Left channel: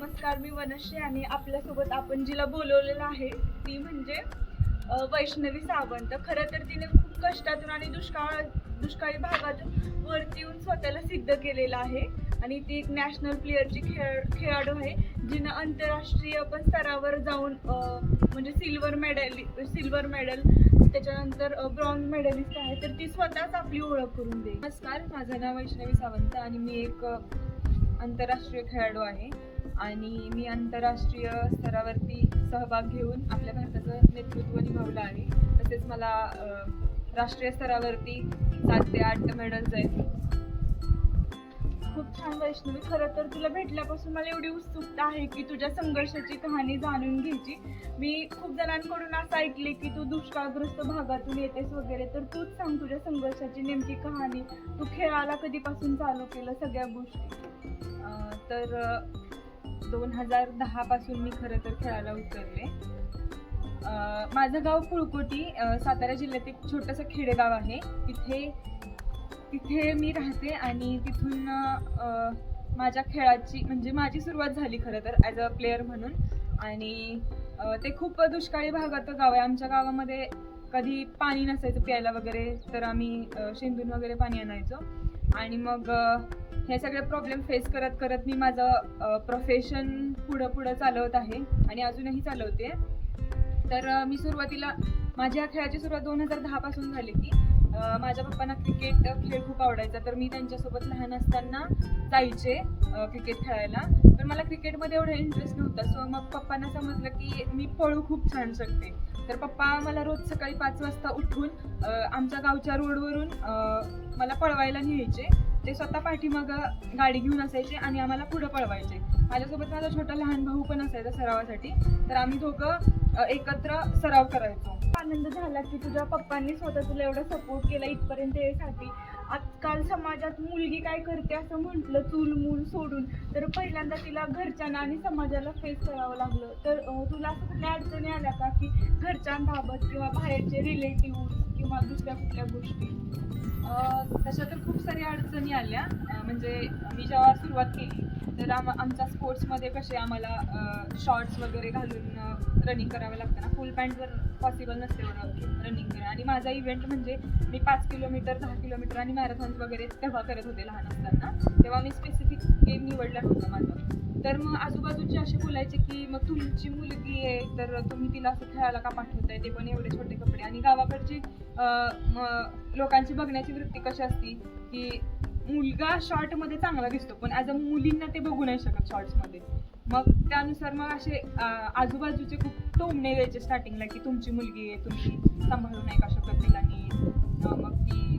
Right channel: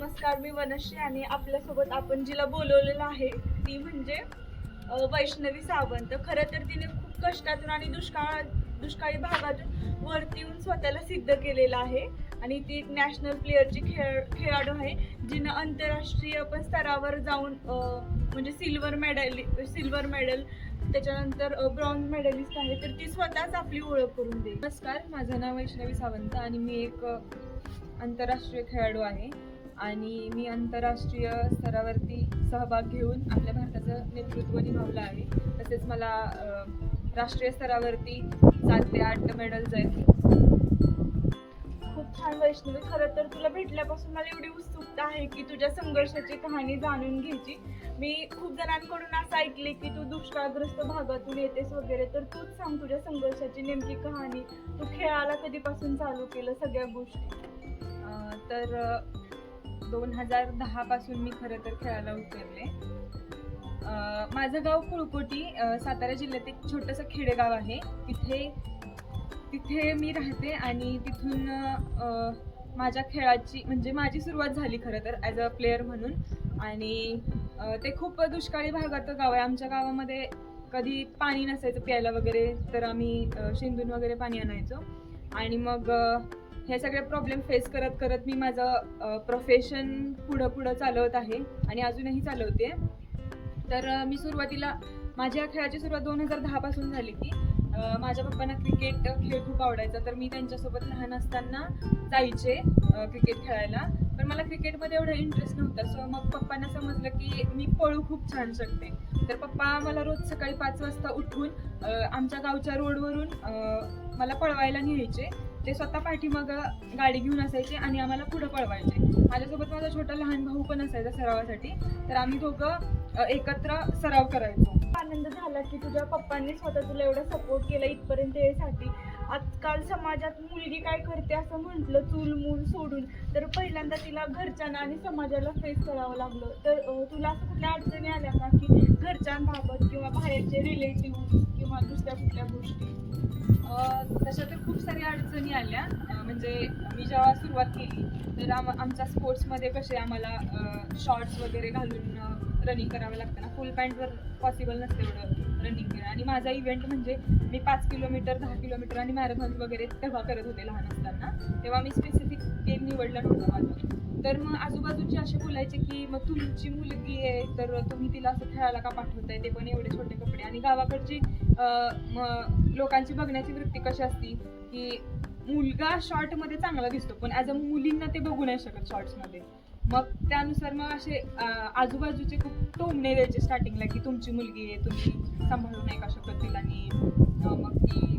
नमस्कार, मी वनश्री आणि आपल्यासोबत आपण जिला बोलवलेलं आहे ती म्हणजे वैष्णवी सावंत. खरं तर तिने खूप कष्टातून आणि दुष्काळी भागातून वरती येऊन स्वतःला सिद्ध केलेलं आहे आणि ती एक नॅशनल प्लेअरची खेळाडू आहे, जिनं आंतरराष्ट्रीय पण स्तरावर जाऊन म्हणजे सिल्वर मेडल त्याच्यानंतर ब्रॉन्झ मेडलिस्ट आहे. तर ती स्वतःच आपली ओळख करून देईल. नमस्कार, माझं नाव वैष्णवी सावंत आणि मी एक आंतरराष्ट्रीय खेळाडू आहे आणि मी आंतरराष्ट्रीय स्तरावरती सहभाग घेऊन आपल्या भारताचं नेतृत्व निभावलं आहे. तसेच मला राष्ट्रीय स्तरावरती 7 ते 8 मेडल्स आहेत. खूप छान वैष्णवी. खरं तर तुला भेटल्यापासून मला एवढी उत्सुकता आहे की तुझ्या संघर्षाची कहाणी जाणून घ्यायची. मी खूप जणांकडून असं ऐकले की तू दुष्काळग्रस्त भागातून येतेस वगैरे, तर तूच सांग तुझ्या संघर्षाची नेमकी कहाणी. तू खेळायला कधीपासून चालू केलं, सगळ्या गोष्टी. तर 2010 पासून मी खरं तर खेळायला उतरले. माझं गाव कुळकोटी, सातारा जिल्ह्यात एक छोटंसं खेडेगाव आहे. तिथे मी राहते आणि तिथून माझ्या खेळाची म्हणजे माझी सुरुवात झाली खरं तर ॲज अ प्लेअर म्हणून. आणि ते खूप दुष्काळी भागाचं गाव आहे. आमच्या गावामध्ये कधी पाणी नसायचं प्यायला वगैरे, तर आम्ही शेंदून वगैरे पाणी आणायचो. आणि मग हे सगळे प्रॉब्लेम फेस करत करत मी माझं प्रोफेशन पुढं चालवत आहे आणि अजूनही चालवते. तर मी सुरुवातीला माझ्या खेळाची सुरुवात 2010 पासून झाली की माझ्या पप्पांना क्रिकेट खेळ खूप आवडायचा, तर मी त्यांच्यासोबत लहान असताना जायचे क्रिकेट खेळायला. पण मला क्रिकेटमध्ये एवढा इंटरेस्ट नव्हता. सो मग पप्पांना समजलं की मी पळू खूप छान शकते. तर पप्पा मला रोज सकाळी 5 वाजता उठून आमच्या गावच्या रोडवरून मला पळवायला न्यायचे. ते स्वतः पाठीमागं गाडी घेऊन असायचे आणि आम्हाला पुढं पळवायचे. माझ्यासोबत माझा छोटा लहान भाऊ पण असायचा सरावासाठी. तर आम्ही दोघं एकत्र सराव करायचो. आनंद झाला की तुझ्या पप्पांनी स्वतः तुला एवढा सपोर्ट केला इथपर्यंत यायसाठी. आजकाल समाजात मुलगी काय करते असं म्हटलं चूल मूल सोडून, तर पहिल्यांदा तिला घरच्यांना आणि समाजाला फेस करावं लागलं. तर तुला असं कुठल्या अडचणी आल्या का की घरच्यांबाबत किंवा बाहेरचे रिलेटिव्ह किंवा दुसऱ्या कुठल्या गोष्टी? तशा तर खूप साऱ्या अडचणी आल्या. म्हणजे मी जेव्हा सुरुवात केली तर आमच्या स्पोर्ट्समध्ये कसे आम्हाला शॉर्ट्स वगैरे घालून रनिंग करावं लागतं ना. फुल पॅन्टवर पॉसिबल नसते एवढं रनिंग करणं. आणि माझा इव्हेंट म्हणजे मी 5 किलोमीटर 10 किलोमीटर आणि मॅरेथॉन्स वगैरे तेव्हा करत होते लहान असताना. तेव्हा मी स्पेसिफिक गेम निवडला नव्हता माझं. तर मग आजूबाजूचे असे बोलायचे की मग तुमची मुलगी आहे तर तुम्ही तिला असं खेळायला का पाठवताय, ते पण एवढे छोटे कपडे. आणि गावाकडची लोकांची बघण्याची वृत्ती कशी असती की मुलगा शॉर्टमध्ये चांगला दिसतो पण ॲज अ मुलींना ते बघू नाही शकत शॉर्ट्समध्ये. मग त्यानुसार मग असे आजूबाजूचे खूप टोमणे द्यायचे स्टार्टिंगला की तुमची मुलगी आहे, तुम्ही सांभाळू नाही का शकत तिला. आणि मग ती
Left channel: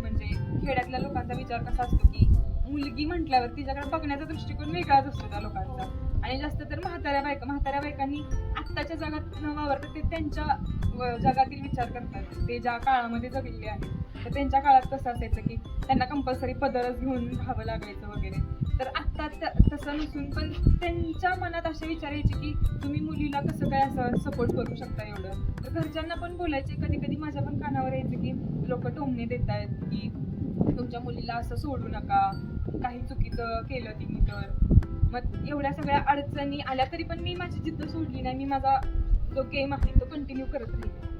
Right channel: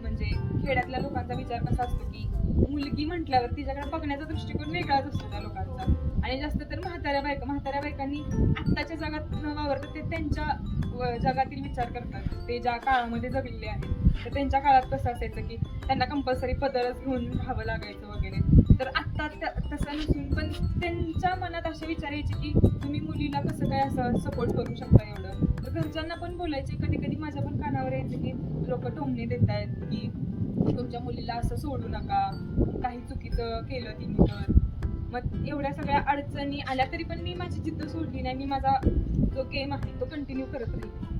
म्हणजे खेड्यातल्या लोकांचा विचार कसा असतो की मुलगी म्हटल्यावर तिच्याकडे बघण्याचा दृष्टिकोन वेगळाच असतो त्या लोकांचा. आणि जास्त तर म्हाताऱ्या बायकांनी आत्ताच्या जगात न वावरतात, ते त्यांच्या जगातील विचार करतात. ते ज्या काळामध्ये जगलेले आहेत तर त्यांच्या काळात कसं असायचं की त्यांना कंपल्सरी पदरच घेऊन राहावं लागायचं वगैरे. तर आत्ता तसं नसून पण त्यांच्या मनात असे विचार यायचे की तुम्ही मुलीला कसं काय असं सपोर्ट करू शकता एवढं. तर घरच्यांना पण बोलायचे. कधी कधी माझ्या पण कानावर यायचं की लोक टोमणे देत आहेत की तुमच्या मुलीला असं सोडू नका, काही चुकीचं केलं तिने तर. मग एवढ्या सगळ्या अडचणी आल्या तरी पण मी माझी जिद्द सोडली नाही. मी माझा जो गेम आहे तो कंटिन्यू करत राहील.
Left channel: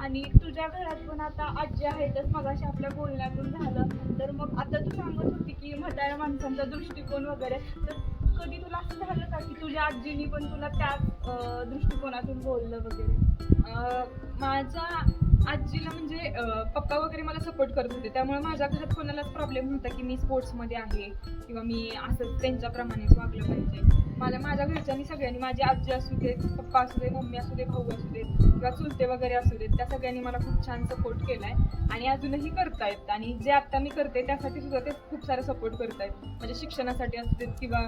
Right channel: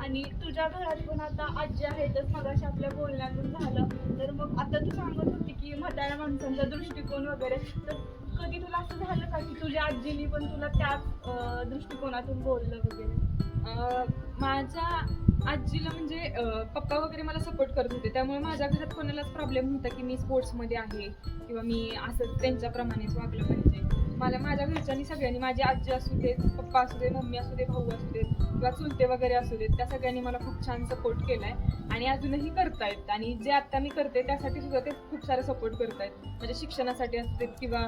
आणि तुझ्या घरात पण आता आजी आहेतच, मगाशी आपल्या बोलण्यातून झालं. तर मग आता तू सांगत होती की म्हाताऱ्या माणसांचा दृष्टिकोन वगैरे, तर कधी तुला असं झालं का की तुझ्या आजीनी पण तुला त्याच दृष्टिकोनातून बोललं वगैरे? माझ्या आजीला म्हणजे पप्पा वगैरे मला सपोर्ट करत होते, त्यामुळे माझ्या घरात कोणालाच प्रॉब्लेम नव्हता की मी स्पोर्ट्समध्ये आहे किंवा मी असं त्यांच्याप्रमाणेच वागलं पाहिजे. माझ्या घरच्यांनी सगळ्यांनी, माझी आजी असू दे, पप्पा असू दे, मम्मी असू दे, भाऊ असू देत किंवा चुलते वगैरे असू देत, त्या सगळ्यांनी मला खूप छान सपोर्ट केला आहे आणि अजूनही करतायत. आणि जे आत्ता मी करते त्यासाठी सुद्धा ते खूप सारा सपोर्ट करतायत. म्हणजे शिक्षणासाठी असते किंवा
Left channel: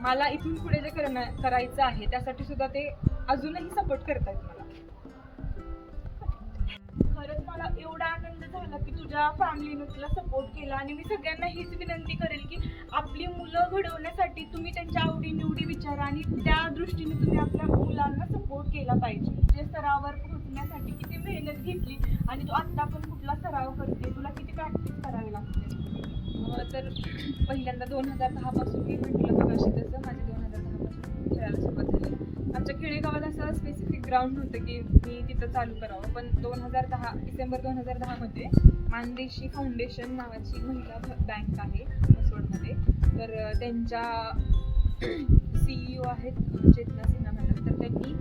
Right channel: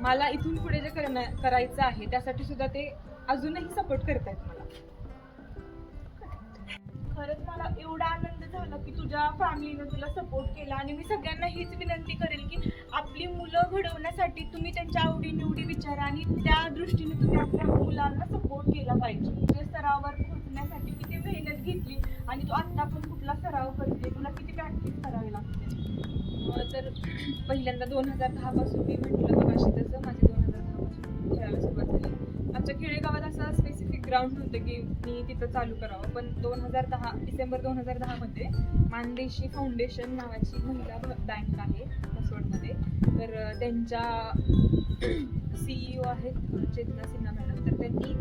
मला इथून पुढे जे करायचं आहे त्यासाठी सुद्धा ते अजूनही सपोर्ट करतायत मला. खरंच मला एवढा आनंद झाला की तुझ्या फॅमिलीने तुला सपोर्ट केला. आणि मी सगळ्यांना हीच विनंती करेल की आपली मुलं घडवण्यासाठी तुम्ही त्यांच्या आवडीनिवडी विचारा आणि त्या दृष्टीने तुम्ही आपल्या मुलांना सपोर्ट केला पाहिजे. म्हणजे स्तरावर पोहोचण्यासाठी किती मेहनत घेतली आणि तू आत्ता पण कुठला सराव करते, तुला किती प्रॅक्टिस करावी लागते? तर पहिल्यांदा 2010 पासून मी म्हटलं मगाशी तसं असं स्पेसिफिक ग्राउंड होतं की मी तिथं चालू करावं, पण डिसेंबर 2010 मध्ये मानदेशी फाउंडेशन नावाची महिला बँक आहे म्हसवडमध्ये, तर त्यांच्या CEO आहेत चेतना सिन्हा मॅडम. तर त्यांनी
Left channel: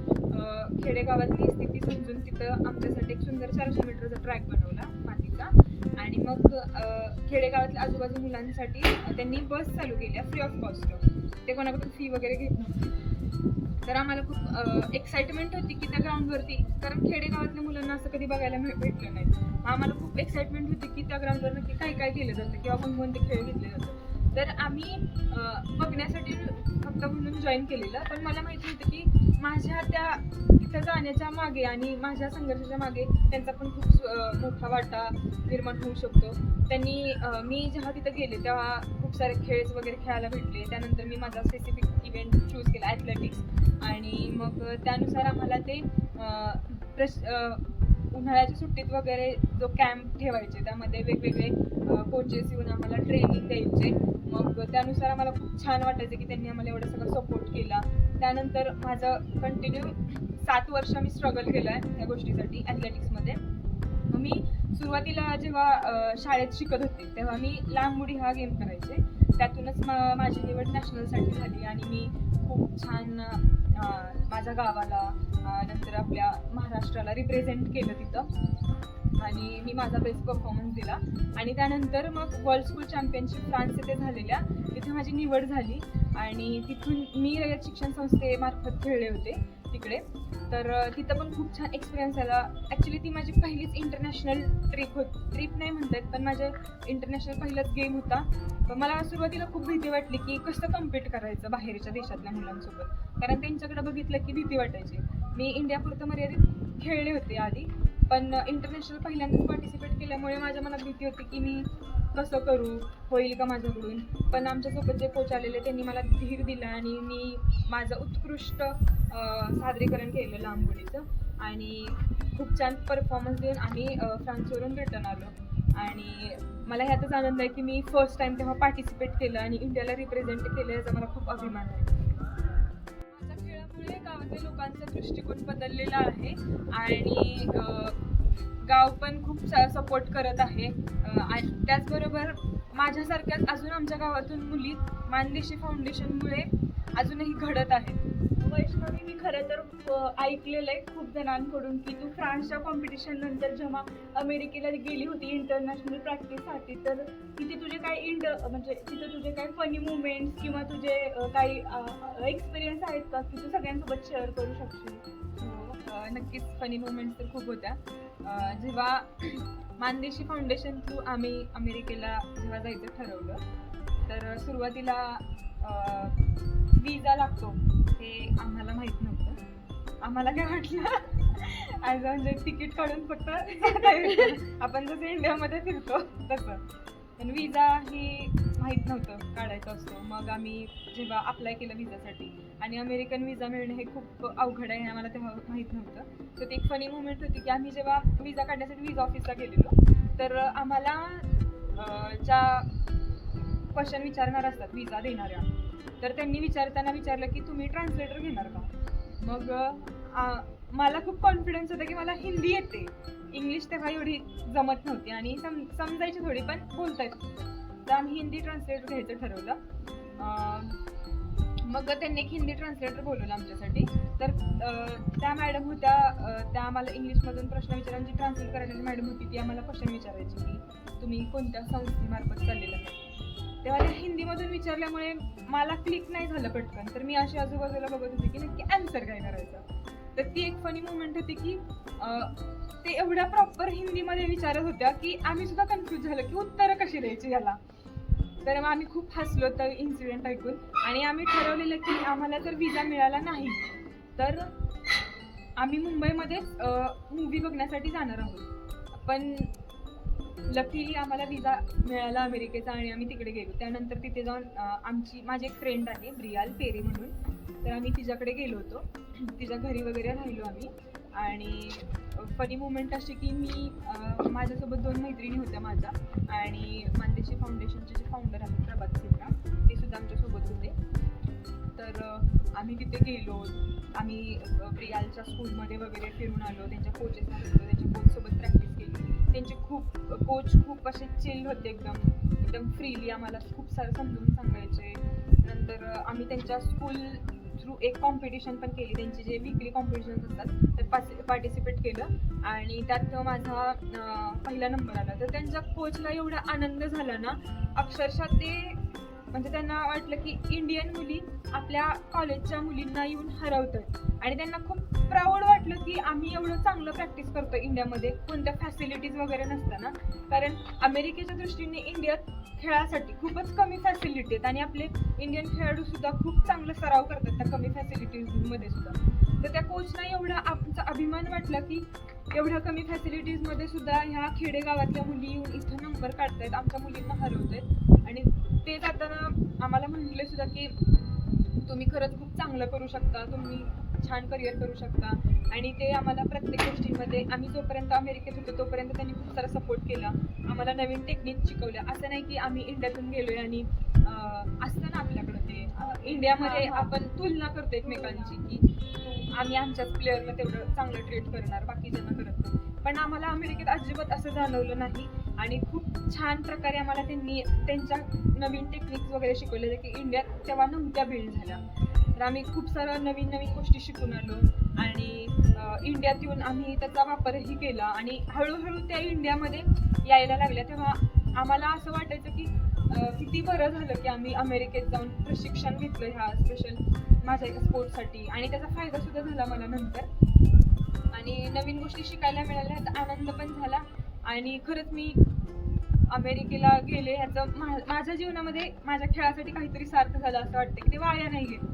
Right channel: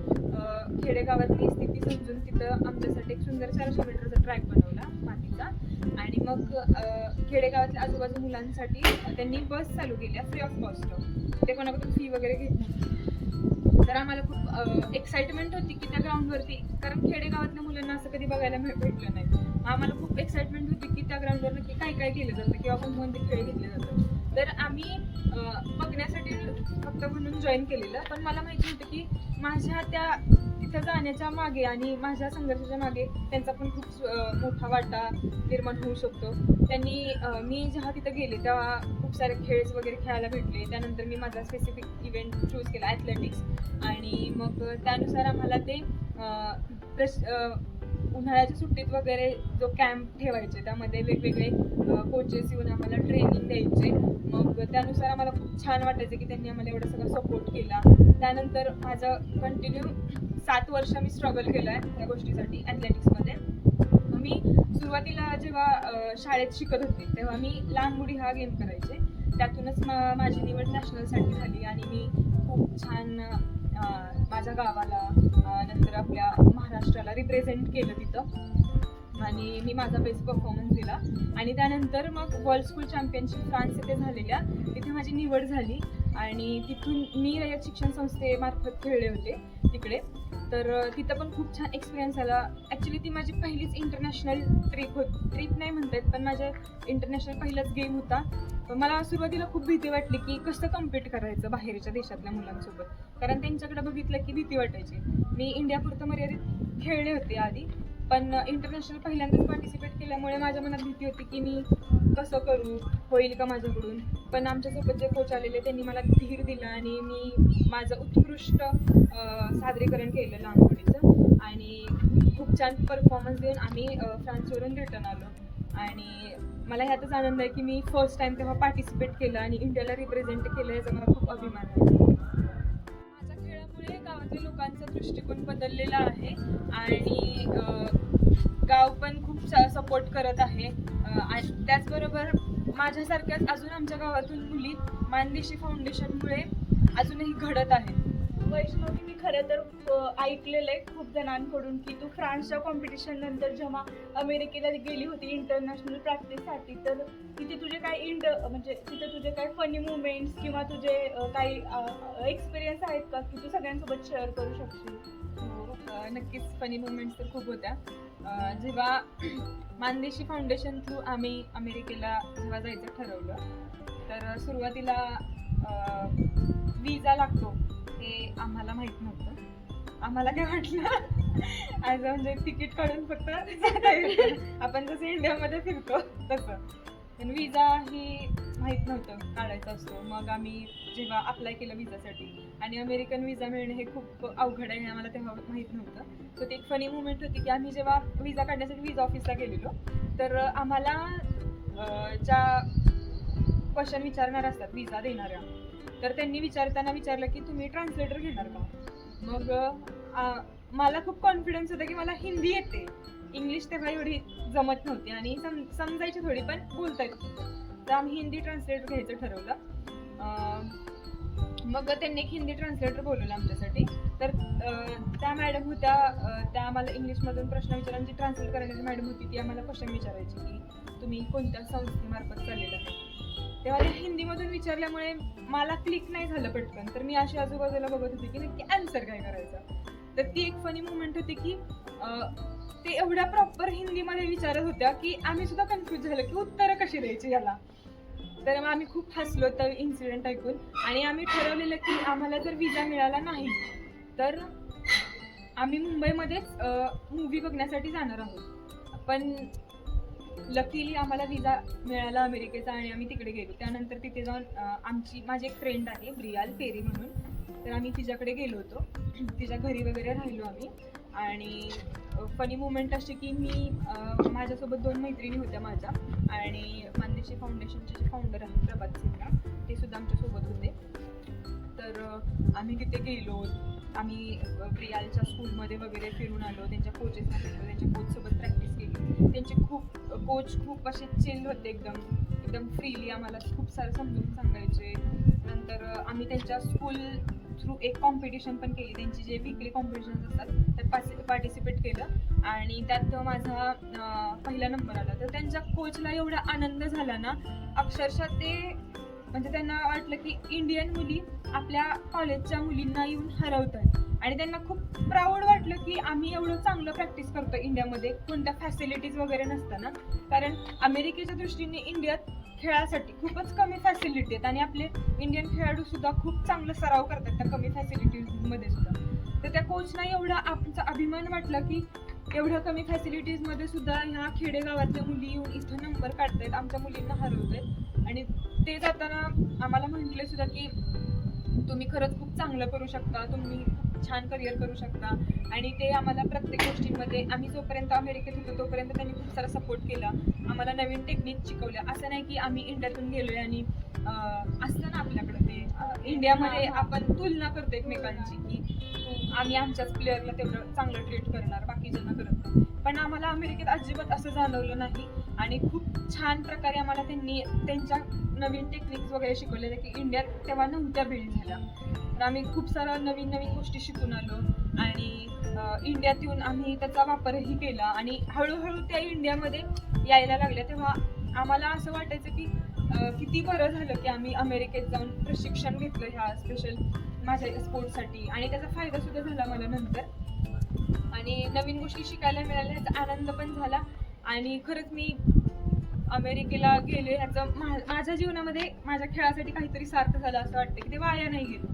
खेडेगावातली स्थिती समजून तिथं आमच्यासाठी एक सुंदर 400 मीटरचा ट्रॅक बनवला मातीचा, आणि मग खेडेगावातल्या आजूबाजू मुलांसाठी त्यांनी बस चालू केल्या फ्री ऑफ कॉस्ट. ते कोणाकडून फी वगैरे घेत नव्हते. तर आम्हाला खूप एक्साइटमेंट होती की त्या ग्राउंडवरती, कारण खेडेगावातल्या मुलांना असं कधी बघायला भेटलं नाही. आम्हाला खूप एक्साइटमेंट होती की त्या ग्राउंडवर नक्की काय काय केलं जातं किंवा कोणते खेळ घेतले जातात. तर आम्ही बघण्यासाठी फक्त म्हणून जॉईन केलेलं, पण मला माहिती होतं की माझ्या त्या तिथं जाण्याच्या मागे आणि माझ्या संघर्षाच्या मागे त्यांचा पण खूप मोठा वाटा निर्माण होऊ शकतो. त्यांनी मी जेव्हा तिथं गेले तेव्हा खूप सारे खेळ वगैरे खेळायला भेटले. त्यानंतर मी माझा स्पेसिफिक इव्हेंट चूज केला ॲथलेटिक्स, आणि मग त्यानुसार आम्हाला ते उन्हाळ्याच्या सुट्टीत वगैरे जो कॅम्प ठेवायचे त्यामध्ये वेगवेगळे कोचेस येऊन आम्हाला ट्रेनिंग द्यायचे. मग त्यानुसार आम्हाला खूप छान वाटायचं की त्यांनी आम्हाला एवढा सगळं सपोर्ट केला. त्यानंतर माझं कंटिन्यू 7 वर्ष मी स्ट्रगल केलं आहे या गोष्टीसाठी ॲथलेटिक्समध्ये. मग मी सुरुवातीला जेव्हा शाळेत शिकत होते तेव्हा मी लांब उडी हा गेम करायचे. त्यातूनच माझी निवड नॅशनलसाठी झाली, आणि मी खूप छान माझ्या गावाला नंतर आपल्या महाराष्ट्राला रिप्रेझेंट केलं तिथं, आणि मी माझा बेस्ट परफॉर्मन्स दिला. आणि त्यानंतर मग वर्ल्ड स्कूल चॅम्पियनशिप फ्रान्स येथे झालेल्या, तिथे माझी निवड झाली, आणि तिथून मी रयत शिक्षण संस्थेमार्फत खेळले होते तिकडे. तर तिथं पण खूप छान एक्सपिरियन्स आला. ॲक्च्युली ती माझी पहिलीच इंटरनॅशनल ट्रिप नाही म्हणतात, पण माझं इंटरनॅशनल पहिलाच गेम होता. पण मला सुरुवातीला खूप भीती वाटली की कसं कम्पीट करायचं बाहेरच्या देशातल्या मुलांसोबत, कारण त्यांच्याकडे बघितलं की भीती वाटायची. मी इंडियापुरतं मर्यादित खेळले होते आधी, पण इंटरनॅशनल पहिल्यांदाच पार्टिसिपेट केल्यामुळे माझ्या मनात भीती होती की मी कसं करू, होईल का माझ्याकडून. पण आमच्यासोबत जे कोच आलेले त्यांनी मला धीर दिला, आणि मी माझं उत्कृष्ट सादरीकरण केलं लांब उडीचं, आणि खूप छान परफॉर्मन्स देऊन आम्ही फ्रान्सवरून रिटर्न आलो. आणि मला ह्यातच आनंद आहे की मी फर्स्ट टाइम तेव्हा पार्टिसिपेट केलं आणि इंडियाला रिप्रेझेंट केलं, याचा मला खूप अभिमान आहे. माझ्या खेळामुळे गावातल्या लोकांचा दृष्टिकोन बदललेला आहे, आणि गाव पण खूप सपोर्ट करत आहे. आणि त्याचबरोबर माझ्यासारख्याच अजून आमच्या गावातून मुली मानदेशी फाउंडेशनमुळे अजूनही घडत आहेत. वैष्णवी, मी खरं तर ऐकलेलं आहे खूप जणांकडून की तू फ्रान्सच्या कॉम्पिटिशन नंतर जेव्हा अमेरिकेला गेली होती इंटरनॅशनल प्रॅक्टिससाठी, तर तिथे तुझे काय म्हणजे तिथे तुझे काय फनी मुवमेंट्स किंवा तुझे काही एक्सपिरियन्स आहेत का की तू सगळ्यांसोबत शेअर करू शकशील? नक्कीच फनी मुवमेंट्स तर खूप होत्या. जेव्हा मानदेशी फाउंडेशन थ्रू आम्ही अमेरिकेला जेव्हा जायचं ठरवलं, तर सुरुवातीला विजा लागतो हे आम्हाला माहीत नव्हतं. आम्हाला काय वाटलं ॲज म्हणजे तिकीट काढून फक्त आपण जसं इंडियामध्ये फिरतो तसं, पण विजा ही माहीत नव्हतं काढायचा असतो. मग आम्ही जेव्हा अप्लाय केलं विजासाठी, आणि अमेरिकन विजा मिळणं हे खूप अवघड आहे हे आम्हाला तेव्हा माहीत नव्हतं. तर ती एक फनी मुवमेंट होती की आम्ही जेव्हा विजा काढण्यासाठी विजा ऑफिसला गेलेलो, तर आम्हाला ज्या क्वेश्चन विचारणार असतात विजा देणाऱ्या, तर त्यांनी विचारलं की तुम्ही ट्रान्सलेटर घेणार का. मग मला खूप कॉन्फिडन्स होता की मला हिंदी येते, इंग्लिश तेव्हा एवढी जमत नव्हती आणि समजायची थोडी पण बोलता येत नव्हतं. तर आम्ही हिंदी ट्रान्सलेटर घ्यायचं ठरवलं. मग त्यांनी एक हिंदी ट्रान्सलेटर बोलवलं आमच्यासाठी. तर त्या मॅडम होत्या, त्या आम्हाला इंग्लिशमधून प्रश्न विचारायची. ट्रान्सलेट करणारी मॅडम होती, ती आम्हाला क्वेश्चन विचारायची की तुम्ही कोणत्या संस्थेमार्फत चाललेला आहे. तेव्हा त्या हिंदीमधून विचारल्यामुळे मला क्लिक नाही झालं पटकन, तर मी अशी आजूबाजूला बघत होते की नक्की आन्सर काय करायचं. तर ती एक फनी मुवमेंट होती की ते एवढ्या प्रॉपर हिंदीमध्ये विचारत होत्या की आम्ही सुद्धा कन्फ्यूज झालं की उत्तरं कशी द्यायची याला. तर मग आम्ही खूप हसलो तर इन्सिडेंट ऐकून, आणि आम्ही ठरवलेलं की आम्हाला जर विजा मिळाला नाही तर आम्ही मुंबईमध्येच मूव्ही बघण्यासाठी जाणार आहोत. पण लकीली आम्हाला विजा मिळाला अमेरिकेचा, आणि आम्ही तिकडे गेलो. त्यानंतर तिथे जाऊन माझी एक फ्रेंड आहे ब्रियाल पेरी म्हणून, तर आम्ही तिच्याकडे गेलो होतो, तिच्या घरी वगैरे राहिलो आम्ही. आणि फनी मुवमेंट अशी की माझ्यासोबत 2 मैत्रिणी होत्या माझ्या, आणि मानदेशी फाउंडेशनचे जे फाउंडर आहेत प्रभात सिन्हा, ते सुद्धा आमच्यासोबत होते. तर आम्ही तिथे गेलो, आम्ही प्रियालच्या स्कूलमध्ये वगैरे फिरून आलो, त्यांच्या कोचेसना भेटलो, त्यांच्या कोचसोबत प्रॅक्टिस केली. त्यांचे कोच खूप असे चिल होते, एकदम फ्रीली आम्हाला खूप सारं समजून सांगायचे. नंतर आम्ही त्यांच्या स्कूल थ्रू एक कॉम्पिटिशन पण केली, त्यांची जे वीकली कॉम्पिटिशन असतात त्यात पार्टिसिपेट केलं आणि त्यात माझा पहिला नंबर आला. तर त्यांच्या कोचला एवढा आनंद झाला ना, अक्षरशः ते म्हणजे त्यांना वाटलं की इंडियन मुली आपल्या कॉलेजच्या मुलींना येऊन हरवतात आणि त्यांना खूप प्राऊड वाटलं की आम्ही एवढं चांगलं प्रॅक्टिस करतो इंडियामध्ये, कोणत्या फॅसिलिटीज वगैरे नसताना. कारण अमेरिकेच्या दृष्टीने इंडियात खेळासाठी खूपच कमी फॅसिलिटी आहेत आणि आपले इंडियन खेळाडू सुद्धा खूप चांगलं सराव करतात त्या कमी फॅसिलिटीजमध्ये सुद्धा. तर त्या कोचना एवढा आमचा अभिमान वाटला की एवढ्या कमी फॅसिलिटीजमध्ये सुद्धा ह्या खेडेगावातल्या मुली येऊन इथं नंबर काढतायत, आमच्या मुलींना हरवतायत. आणि ते जाताना आम्हाला म्हटले सुद्धा की तुम्ही खरंच खूप चांगलं करू शकता, तुम्ही छान करिअर करू शकता. आणि ते आम्हाला प्रत्येक गोष्टीमध्ये, आम्ही जोपर्यंत अमेरिकेत होतो तोपर्यंत त्यांनी खूप सारा सपोर्ट केला, आम्हाला नवीन टेक्निक शिकवल्या. असं नाही की आम्ही इंडियातून गेलोय आणि असतं ना आपल्याकडं ते इंडियामध्ये आपण तुलना करतो एकमेकांची की आम्ही आमच्याच प्लेअरला तेवढं चांगलं ट्रीट करणार, बाकीच्यांना करत नाही. पण आम्हाला अमेरिकेत अजिबात असं जाणवलं नाही आणि खूप छान प्रकारे आम्हाला त्यांनी त्यांच्या नवीन टेक्निक्स वगैरे शिकवले की इंडियात तेव्हा नव्हत्या बिल्ड झाल्या. तर आम्ही खूप साऱ्या नवीन गोष्टी शिकून आलो आणि इंडियात येऊन आम्ही त्याचा वापरही केला आणि हळूहळू त्या इंडियामध्ये यायला लागल्या. तेव्हा आम्हाला असं वाटायचं की किती बरं झालं की आम्ही अमेरिकेत जाऊन प्रशिक्षण घेतलं ह्या स्पेशल माझ्या स्पोर्ट्ससाठी आणि त्याचा फायदा सुद्धा झाला मला नंतर आणि नवीन गोष्टी शिकायला मिळाल्या, ह्याचा आनंद पण झाला. आणि खरंच मी अमेरिकेला गेले ह्याचं माझ्या जीवनामध्ये माझ्या खेळासाठी काहीतरी सार्थ झालं असं वाटतं की ते वाया नाही गेलं.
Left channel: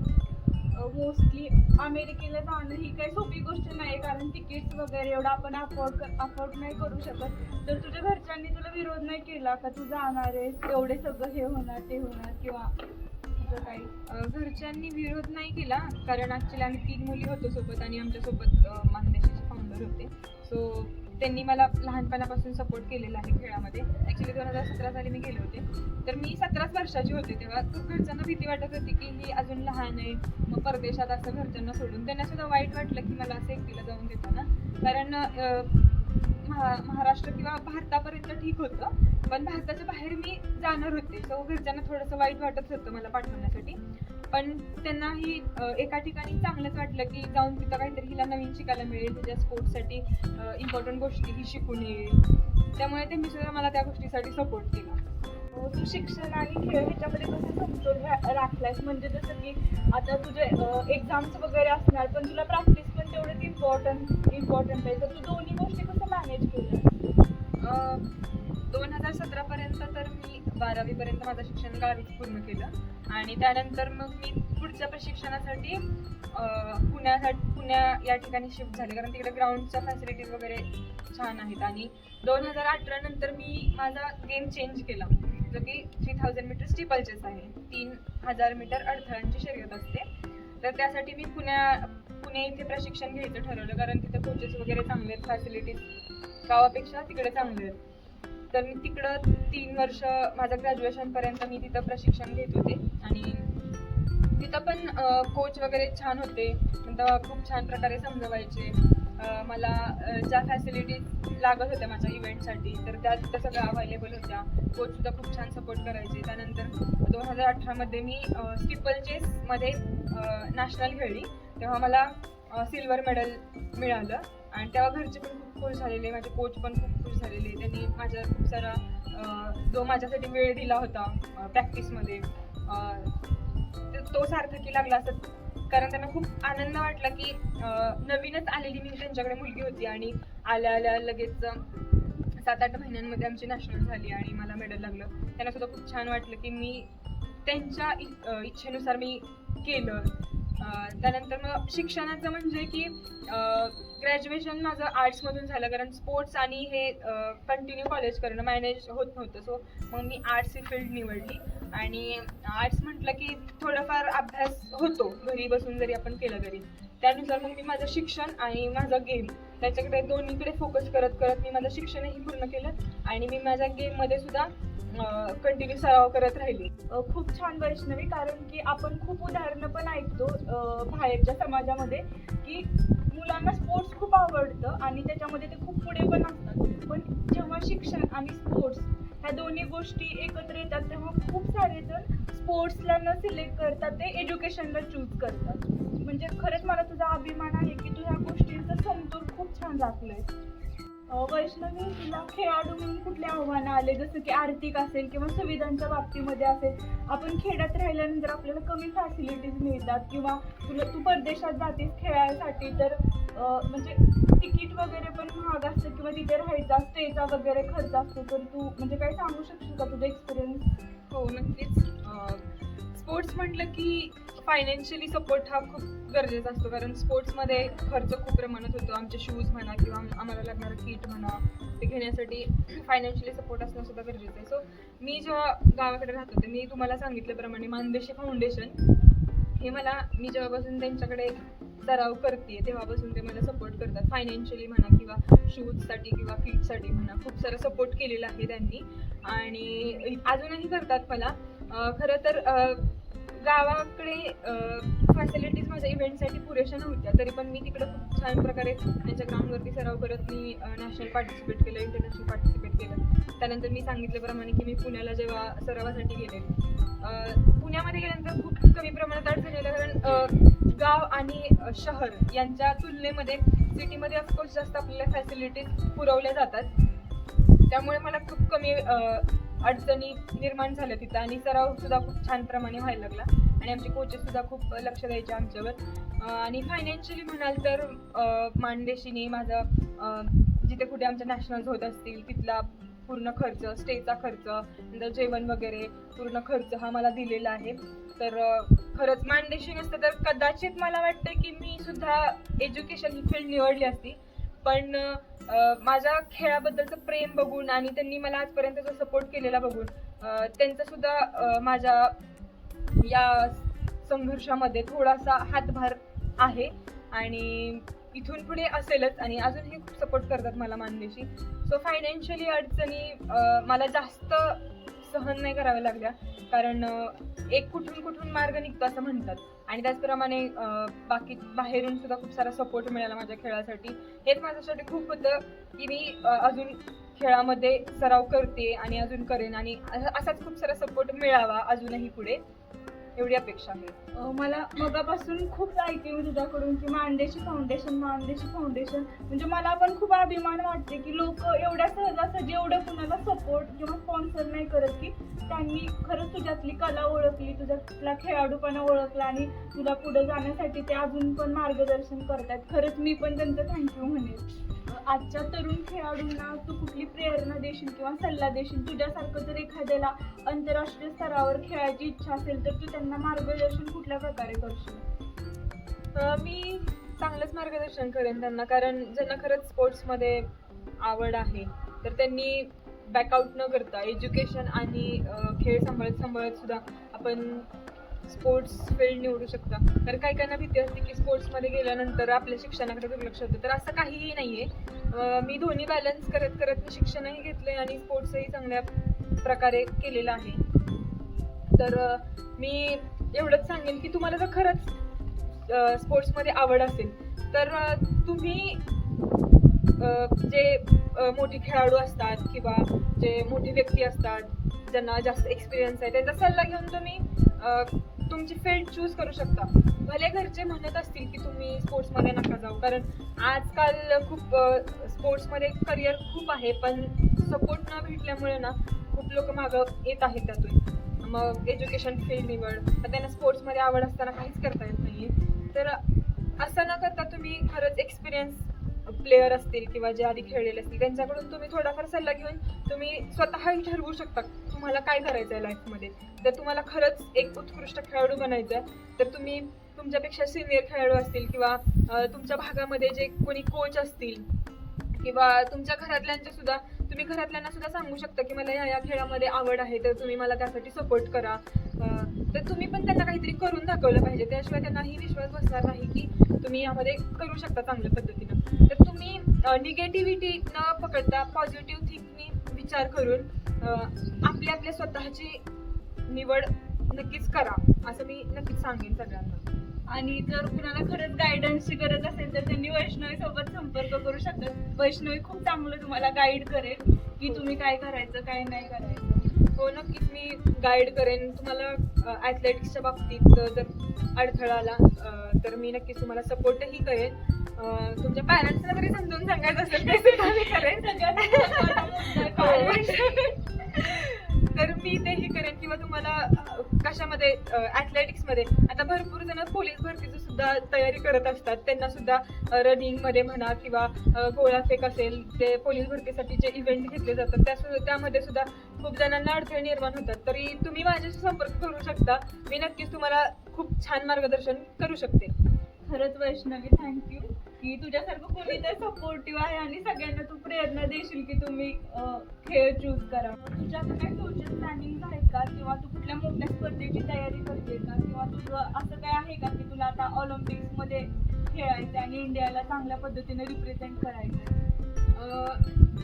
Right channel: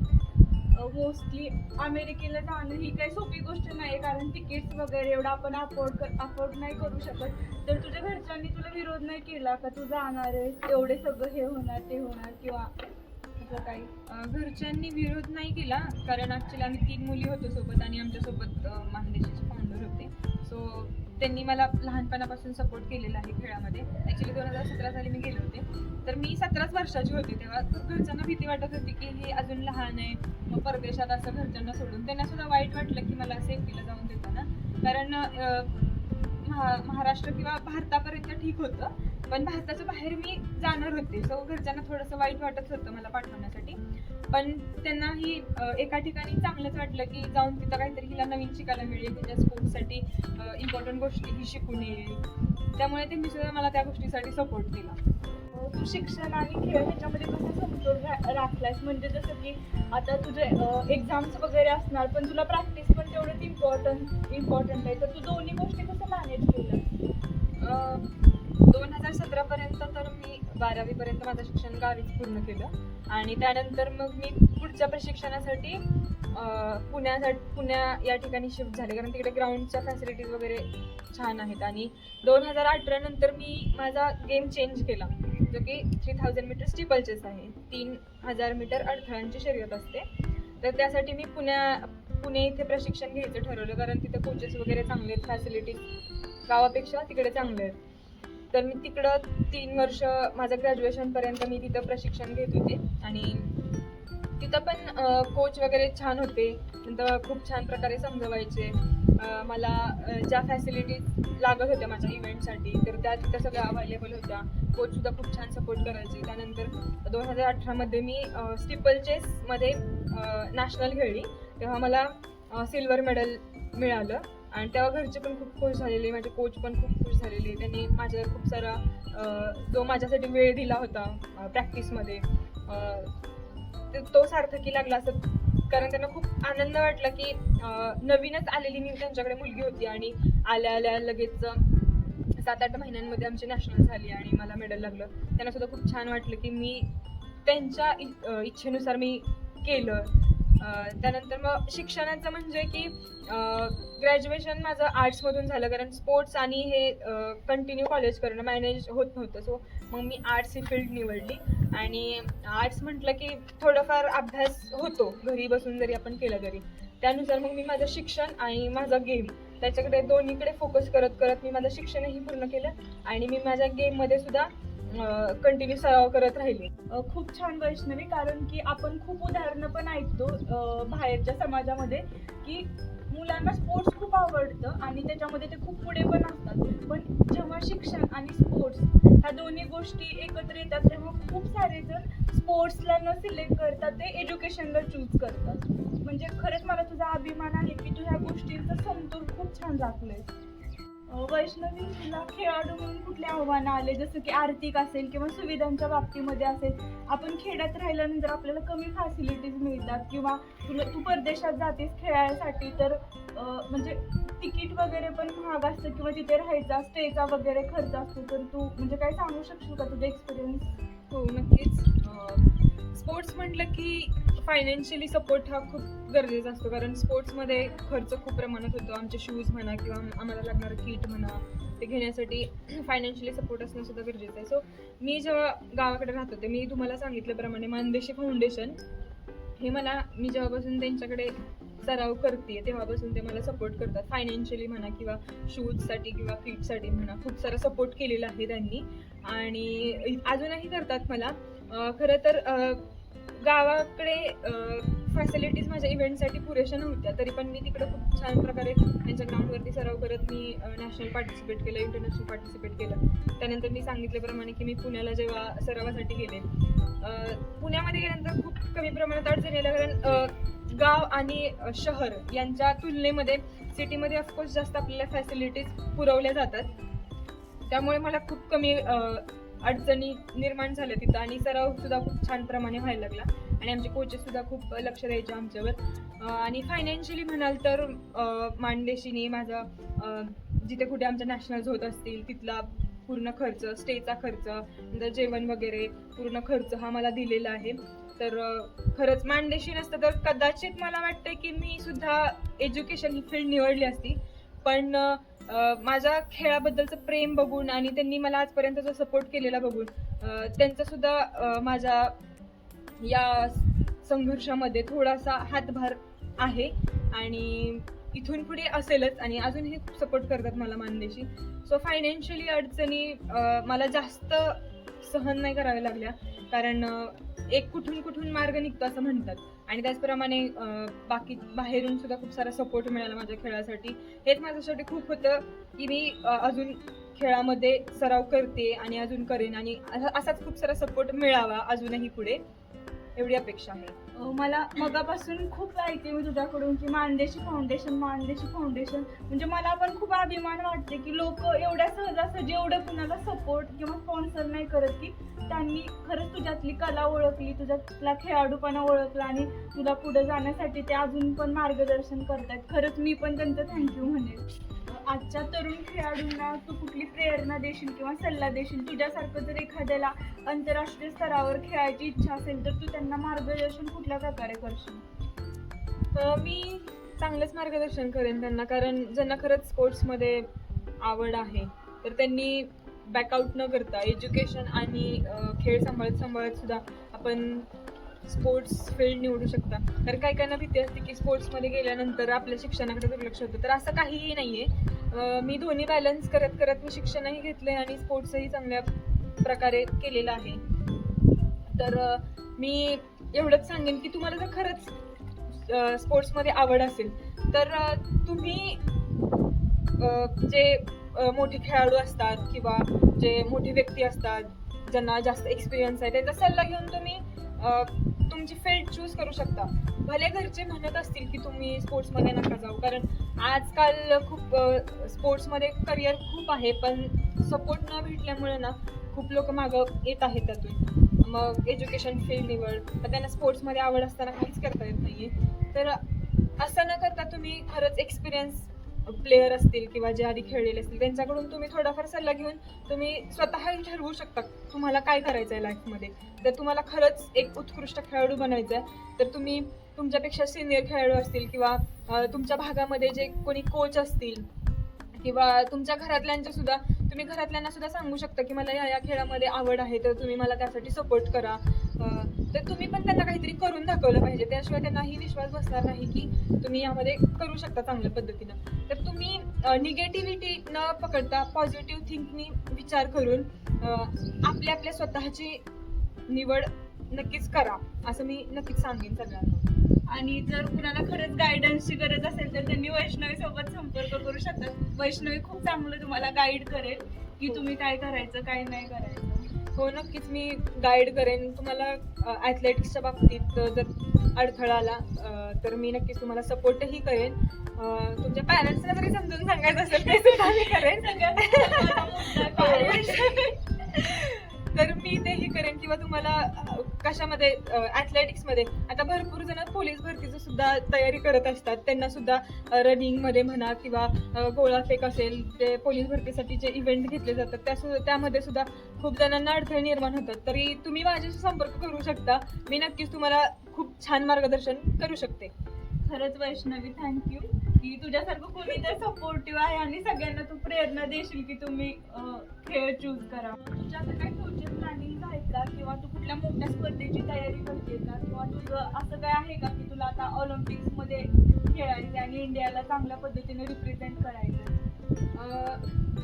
मोस्टली अमेरिकेला जाणं ही काही सोपी गोष्ट नाही, कारण तिकीट्स वगैरे एवढं आपण अफोर्ड नाही करू शकत. तर तुझ्या घरच्यांनी तुला विरोध नाही केला का तू जाणार आहेस, एवढे सगळं हे होणार ते होणार किंवा असं काही? घरच्यांनी विरोध नाही केला, कारण ॲक्च्युली आम्ही 3 मुली होतो सोबत आणि आमच्यासोबत मानदेशाचे फाउंडर होते. सो त्यांनी मला लहानपणापासून सपोर्ट केलेला आहे खेळामध्ये. ॲक्च्युली 2017 साली मी गेले होते, तर मी 17 वर्षाची होती तेव्हा. तर घरच्यांना भीती वाटत होती की ही अजून लहान आहे, मग परदेशात असं घरच्यांना सोडून. त्यांना सुद्धा वाईट वाटलं की मला असं एकटीला जाऊन देताना, कारण महाराष्ट्र किंवा भारतापर्यंत ठीक होतं, पण भारताच्या बाहेर मी जाणार होते. सो घरच्यांना थोडंसं वाईट वाटत होतं मला पाठवण्यासाठी, पण त्यांनाही एका ठिकाणी चांगलंच वाटलं की जाऊन तिथं काहीतरी हिला नवीन शिकायला मिळेल, तिच्या स्पोर्ट्ससाठी इम्पॉर्टंट गोष्टी ही शिकून येईल. त्यामुळे त्यांनी सुद्धा मला त्या गोष्टीसाठी सपोर्ट केला. तू शिक्षण आणि खेळ ह्याच्यामध्ये कसं समतोल राखलायस? म्हणजे जसं की आता तुझे एक्झाम्स वगैरे असणार, पण तुला प्रॅक्टिस पण तेवढंच इम्पॉर्टंट आहे, तर तू दोन्ही गोष्टी कसं मॅनेज केलं? 2017 पर्यंत तर मी 12वी पर्यंत माझं शिक्षण गावीच पूर्ण केलं आणि त्यानंतर मग मी पुढच्या प्रशिक्षणासाठी पुण्या या ठिकाणी शिफ्ट झाले, कारण तिकडे ग्राउंडच्या फॅसिलिटीज वगैरे छान आहेत. आणि 2018 नंतर मी माझा गेम चेंज केला, जो की 3000 मीटर स्टिपल चेस आहे. 3000 मीटर अडथळ्यांची शर्यत असते. तर त्यासाठी मी पुणे इथे प्रशिक्षण घ्यायचं ठरवलं, कारण तिथे कोचेस वगैरे चांगले आहेत, फॅसिलिटीज गावापेक्षा तिकडे चांगले आहेत. तर मी तिकडं 3 वर्ष माझं ग्रॅज्युएशनपर्यंत मी तिथं प्रशिक्षण घेत होते आणि तिथं पण कोच वगैरे छान होते. नंतर खूप छान प्रकारे समजवायचे मला. ज्या फॅसिलिटीज लागत होत्या माझ्या इव्हेंटसाठी तर त्या तिथं सगळ्या अवेलेबल होत्या. कोचसुद्धा खूप छान सपोर्ट करायचे. त्यानंतर 2018मध्ये मी स्टिपल चेसमध्ये नॅशनल खेळली, तेव्हा मला सिल्वर मेडल मिळालं आणि तेव्हा घरचे पण खूप खुश झालेले, माझे कोच पण खूप खुश झालेले. त्यांनी माझ्या खूप सारा जो माझ्यासाठी वेळ दिला होता प्रॅक्टिसमध्ये तो सार्थकी लागला असं, कारण त्यांना खूप आनंद वाटला की नवीनच आलेली मी त्यांच्याकडे मुलगी होती आणि आल्या लगेच 7-8 महिन्यांमध्ये आमची नॅशनल झाली आणि मला मेडल लागलं. त्यांना सुद्धा खूप छान वाटलं की मी त्यांच्या इच्छेनुसार मी केलं. त्यानंतर मग शिक्षणाचं म्हणजे की ग्रॅज्युएशन माझं आर्ट्समधून झालं, कारण स्पोर्ट्स आणि हे कंटिन्यू कॉलेज करणं मॅनेज होत नव्हतं. सो मग मी आर्ट्स ही फील्ड निवडली आणि आर्ट्स म्हटलं की थोडंफार अभ्यास होतो घरी बसून जरी आपण केलं तरी. त्यानुसार मग मी माझं शिक्षण आणि माझं गेम त्याच्याकडे दोन्हीकडे फोकस करत मी माझं शिक्षणही पूर्ण केलं आणि मी माझ्या गेममध्ये सुद्धा कंटिन्यू सराव करत राहिले. खूप छान वैष्णवी, कारण की आपण खूप उदाहरणं पण ऐकतो बघतो बाहेरच्या समाजामध्ये की मुलांना स्पोर्ट्स खूप आवडतं आणि त्याच्यामध्ये ते खूप पुढे पण असतात, पण जेव्हा शिक्षण आणि स्पोर्ट्स ह्या दोन्ही गोष्टी एकत्र येतात तेव्हा खूप सारे जण स्पोर्ट्सला न सिलेक्ट करतात, ते एज्युकेशनला चूज करतात. म्हणजे खरंच मला तुझा अभिमान आहे की तू ह्या गोष्टींचा समतोल खूप छान राखलोय. वैष्णवी, तुला खेळाडू म्हणून कुठले आव्हानं आले, जसं की आर्थिक असेल किंवा सुविधांच्या बाबतीमध्ये असेल? आपण खेड्यात राहिल्यानंतर आपल्याला कमी फॅसिलिटीज मिळतात किंवा तू परदेशात जातेस खेळायसाठी तर म्हणजे तिकीट वगैरे पण महाग असतं किंवा तिथे राहायचा स्टेचा वगैरे खर्च असतो, तर तू म्हणजे काय सांगू शकशील का तुझा एक्सपिरियन्स? हो, नक्कीच. स्पोर्ट्स म्हटलं की फायनान्शियली सपोर्ट हा खूप गरजेचा असतो, कारण स्पोर्ट्समध्ये खर्च खूप प्रमाणात होतो. आमचे शूज म्हणा किंवा आम्हाला लागणारं किट म्हणा, ते घेण्यासाठी फायनान्शियली सपोर्ट असणं सुद्धा गरजेचं आहे. सो मी जेव्हा गावाकडे राहत होते, मी तुम्हाला सांगितल्याप्रमाणे मानदेशी फाउंडेशन हे मी जेव्हापासून त्यांच्याकडे सराव करते तेव्हापासून ते मला सपोर्ट करतात, फायनान्शियली म्हणा किंवा शूजसाठी किंवा किटसाठी म्हणा. खूप सारा सपोर्ट केलेला आहे त्यांनी आणि अजूनही करतात मला. खरं तर गावाकडे फॅसिलिटीज माझ्या इव्हेंटसाठी पुरेशा नव्हत्या, तरी पण मी तिकडे खूप छान प्रकारे त्यांच्या ग्राउंडवरती सराव करत मी नॅशनल पार्टिसिपेट केलं, इंटरनॅशनल पार्टिसिपेट केलं. त्यानंतर मी सांगितल्याप्रमाणे की मी पुण्याला जेव्हा सरावासाठी गेले, पुण्यामध्ये गेल्यानंतर खूप कमी प्रमाणात अडचण आल्या, कारण गाव आणि शहर यांच्या तुलनेमध्ये सिटीमध्ये ऑफकोर्स जास्त आपल्याला फॅसिलिटीज पुरवल्या जातात, त्यामुळे मला खूप कमी अडचणी निर्माण झाल्या तिथं आणि सराव सुद्धा खूप छान प्रमाणे व्हायला लागला आणि आमचे कोचेस सुद्धा खूप लक्ष द्यायचे आमच्यावर. आणि फायनान्शियली म्हणाल तर मानदेशीने माझा जिथे कुठे आमच्या नॅशनल्स होत असतील तिथला पूर्ण खर्च, स्टेचा खर्च, नंतर जेवण वगैरे पूर्ण खर्च हा मला दिलेला आहे. तर खरंच मानदेशी नसतं तर कदाचित मला वाटतं की मी सुद्धा एज्युकेशन ही फील्ड निवडली असती, पण माझ्या खेळाबद्दलचं प्रेम बघून आणि त्यांनी मला आजपर्यंत जो सपोर्ट केलेला बघून त्यांचा सुद्धा माझ्या या संघर्षामध्ये थोडासा हातभार आहे आणि इथून पुढे असेलच आणि अजूनही खूप सपोर्ट करतात मला मानदेशी. सो फायनान्शियली अडचणी मला जास्त सहन नाही कराव्या लागल्या, कारण एक कुठून मार्ग निघतो असं म्हणतात आणि त्याचप्रमाणे बाकी बाहेरून सुद्धा खूप सारा सपोर्ट मिळाला माझ्या खेळासाठी. हेच माझ्यासाठी खूप होतं की मी अजून खेळामध्ये सराव करते आणि अजून करेन आणि असाच खूप सारा सपोर्ट मिळावा अजूनही पुढे, एवढी अपेक्षा आहे. मला मगापासून खूप ऐकते मी तुझ्याकडून की मानदेशी फाउंडेशन म्हणजे मला पण खूप अभिमान वाटते की लोक एवढ्या सहजासहजी एवढं कुणाला सपोर्ट किंवा स्पॉन्सर नाही करत, की त्यांनी खरंच तुझ्यातली कला ओळखली, तुझ्यातला खेळाडूपणा ओळखला आणि तुला पुढे जाण्यासाठी ते अजून पण मार्गदर्शन करतात. खरंच मी पण त्यांचं थँक्यू म्हणेन. आजच्या तरुण खेळाडूंना तू कुठली प्रेरणा देशील किंवा सल्ला देशील? तुझ्यासारखं जर एखाद्याला आंतरराष्ट्रीय स्तरावर खेळायची इच्छा असेल तर तू त्यांना मार्गदर्शन कुठल्या प्रकारे करशील? मी चांगलंच मार्गदर्शन करेन त्यांना, कारण ज्यांना खरंच स्पोर्ट्समध्ये आवड आहे तर त्यांनी बॅकआउट न करता एज्युकेशन आणि खेळ सांभाळत सुद्धा आपण स्पोर्ट्स फील्ड निवडू शकता. तर काही काहींना भीती असते की स्पोर्ट्समध्ये गेल्यानंतर आपल्या शिक्षणाकडे दुर्लक्ष होतं, तर असं काहीही नाही आहे. मी दोन्ही बॅलन्स करत मी शिक्षणही घेतलं आणि स्पोर्ट्सही चांगल्या प्रकारे केलेलं आहे. तर मी एवढंच सांगेन की तुम्हाला जर खरंच स्पोर्ट्समध्ये आवड असेल तर तुम्ही जे मोठे खेळाडू असतात किंवा जे मोठे व्यक्ती असतात ज्यांना जास्त एक्सपिरियन्स आहे त्यांचा सल्ला घेऊन तुम्ही तुमची फील्ड चूज करू शकता. भले घरचे म्हणत असतील की तुम्ही स्पोर्ट्समध्ये नका जाऊ, कारण आजकाल खूप स्पोर्ट्समध्ये करिअर खूप आहे, पण सपोर्ट न भेटल्यामुळे ना खूप लोक मागं येत आहेत त्यातून. मग एज्युकेशन फील्ड निवड, पण त्यांना स्पोर्ट्समध्ये आवड असताना काहीच करता येत नाही आहे. तर असं न करता तुम्ही खरंच एक्सपिरियन्स प्लेयर असतील किंवा जे आधी खेळलेले असतील त्यांच्याकडून तुम्ही थोडाफार सल्ला घेऊन तुम्ही स्वतःही ठरवू शकता तुम्हाला काय करायचं आहे लाईफमध्ये. जर तुम्हाला खरंच एक उत्कृष्ट खेळाडू बनायचं आहे तर तुम्ही तुमच्यापेक्षा सिनियर खेळाडू असतील किंवा तुमच्या भागामध्ये जे कोणी कोच असतील किंवा तुमच्या घरातल्यांना सुद्धा सांगू शकता की मला या खेळामध्ये आवड आहे तर तुम्ही मला त्यासाठी सपोर्ट करा. तर तुम्ही पण त्यांना काहीतरी करून दाखवलं पाहिजे, त्याशिवाय त्यांनाही विश्वास बसणार नाही की तुम्ही यामध्ये करू शकता चांगल्या पद्धतीनं. तर तुम्ही निगेटिव्हिटी न पकडता पॉझिटिव्ह थिंकनी विचार करून आपल्या स्वतःची निवड नक्कीच करा, असं मी नक्कीच सांगेन सगळ्यांना. आणि जर कुणाला खरंच गायडन्सची गरज असेल तर त्यांनी वैष्णवी सोबत संपर्क करू शकतात. वैष्णवी खूप चांगलं तुम्हाला गाईड करेल की तुम्ही काय करायचं काय नाही करायचं. हो नक्कीच मी गाईड करेन तुम्हाला ॲथलेटिक्सच्या बाबतीत जर अडथळा आला तर मी नक्कीच तुम्हाला सपोर्टही करेन. तुमच्या पॅरेंट्सला जरी समजून सांगायचं असेल ते सुद्धा मी करेन. तर मी तेही करेन किंवा तुम्हाला कशामध्ये ॲथलेटिक्समध्ये आता भरपूर जण पोलीस भरतीची सुद्धा तयारी करत असतात. त्यांना सुद्धा रनिंगमध्ये म्हणा किंवा गोळाफेक असेल ते पोलीस भरतीसाठी जे इव्हेंट घेतले जातात त्यामध्ये सुद्धा खूप जणांना अडथळे निर्माण होतात. तरी तुम्ही माझ्याशी संपर्क करू शकता. मी नक्कीच तुम्हाला खूप छान मार्गदर्शन करू शकते. खरंच वैष्णवी थँक्यू की तुझ्यासारखं कोणी तर सपोर्टिव्ह आहे आणि सगळ्यांना तू प्रेरणा देशील की तुम्ही खेळ चूज करा. तुझ्या आता काही फ्युचर प्लॅनिंग आहेत का किंवा तू कुठल्या मोठ्या स्पर्धेची तयारी करते का किंवा तुझं असं काय आहे का की तुला आता ऑलिम्पिक्समध्ये खेळायचं आणि इंडियाला चांगल्या पद्धतीने रिप्रेझेंट करायचं?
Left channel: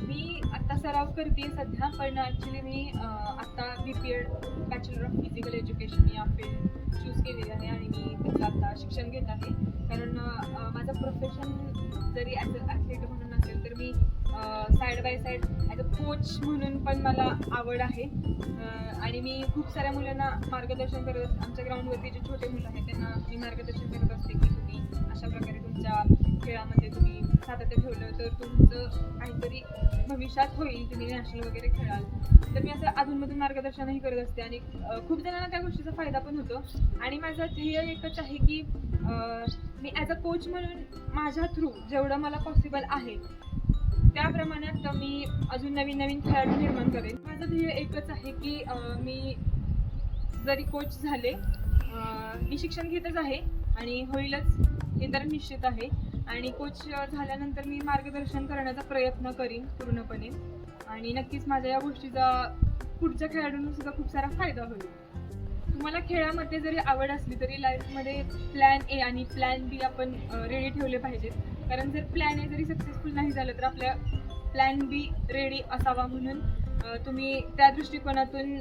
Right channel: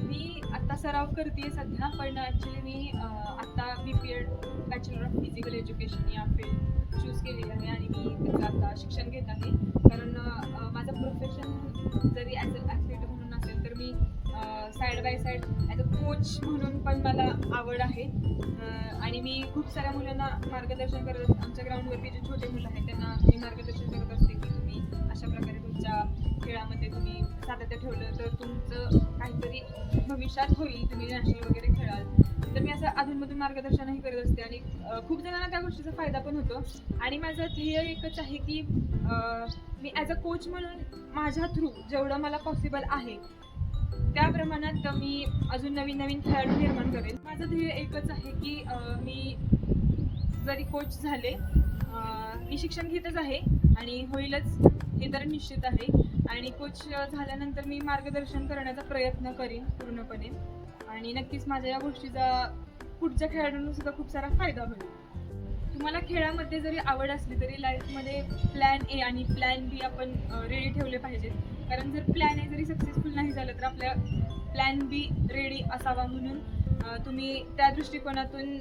मी आत्ता सराव करते सध्या, पण ॲक्च्युली मी आत्ता BPEd bachelor of physical education या फील्ड चूज केलेली आहे आणि मी त्याचं आता शिक्षण घेत आहे. कारण माझं प्रोफेशन जरी ॲज अ ॲथलीट म्हणून असेल तर मी side by side as a coach म्हणून पण मला आवड आहे. आणि मी खूप साऱ्या मुलांना मार्गदर्शन करत आमच्या ग्राउंडवरती जे छोटे मुलं आहेत त्यांना मी मार्गदर्शन करत असते की तुम्ही अशा प्रकारे तुमच्या खेळामध्ये तुम्ही सातत्य ठेवलं तर तुमचं काहीतरी भविष्यात होईल, तुम्ही नॅशनल वगैरे खेळाल. तर मी असं अधूनमधून मार्गदर्शनही करत असते आणि खूप जणांना त्या गोष्टीचा फायदा पण होतो. आणि माझं ध्येय एकच आहे की मी ॲज अ कोच म्हणून माझ्या थ्रू जेवढं मला पॉसिबल आहे त्या प्रमाणात मी अजून नवीन नवीन खेळाडू निर्माण करेन. माझं ध्येय एकच आहे की मी जरी कोच झाले, मी शिक्षण घेतच आहे आणि होईलच हे तर निश्चित आहे. आणि कोच झाल्यानंतर मी मार्गदर्शन करण्याचा प्रयत्न करीन पूर्णपणे आणि नक्कीच माझ्या या गोष्टीचा पुढच्या खेळाडूंना सुद्धा खूप सारा फायदा होईल. तुम्हाला खेळामध्ये जरी आवड असली तरी लाईफमध्ये प्लॅन ए आणि प्लॅन बी आपण रेडी ठेवले पाहिजेत. कारण जर प्लॅन ए जरी सक्सेसफुल नाही झालं तर आपल्या प्लॅन बी रेडी असावा. म्हणून तुम्ही त्या दृष्टिकोनातून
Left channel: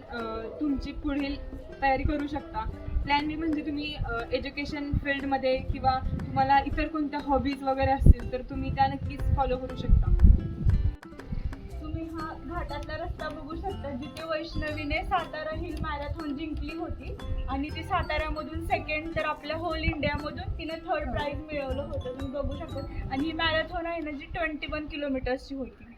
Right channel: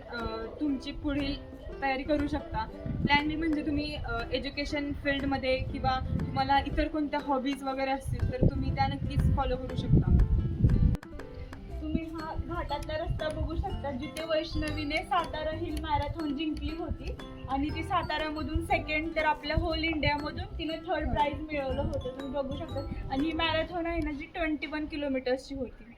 तुमची पुढील तयारी करू शकता. प्लॅन बी म्हणजे तुम्ही एज्युकेशन फील्डमध्ये किंवा तुम्हाला इतर कोणत्या हॉबीज वगैरे असतील तर तुम्ही त्या नक्कीच फॉलो करू शकता. तुम्ही हा घाटातला रस्ता बघू शकता जिथे वैष्णवीने सातारा हिल मॅरेथॉन जिंकली होती आणि ती साताऱ्यामधून सेकंड तर आपल्या होल इंडियामधून तिने थर्ड प्राइज मिळवलं होतं. तुम्ही बघू शकता. आणि ही मॅरेथॉन आहे ना जी 21 किलोमीटर्सची होती.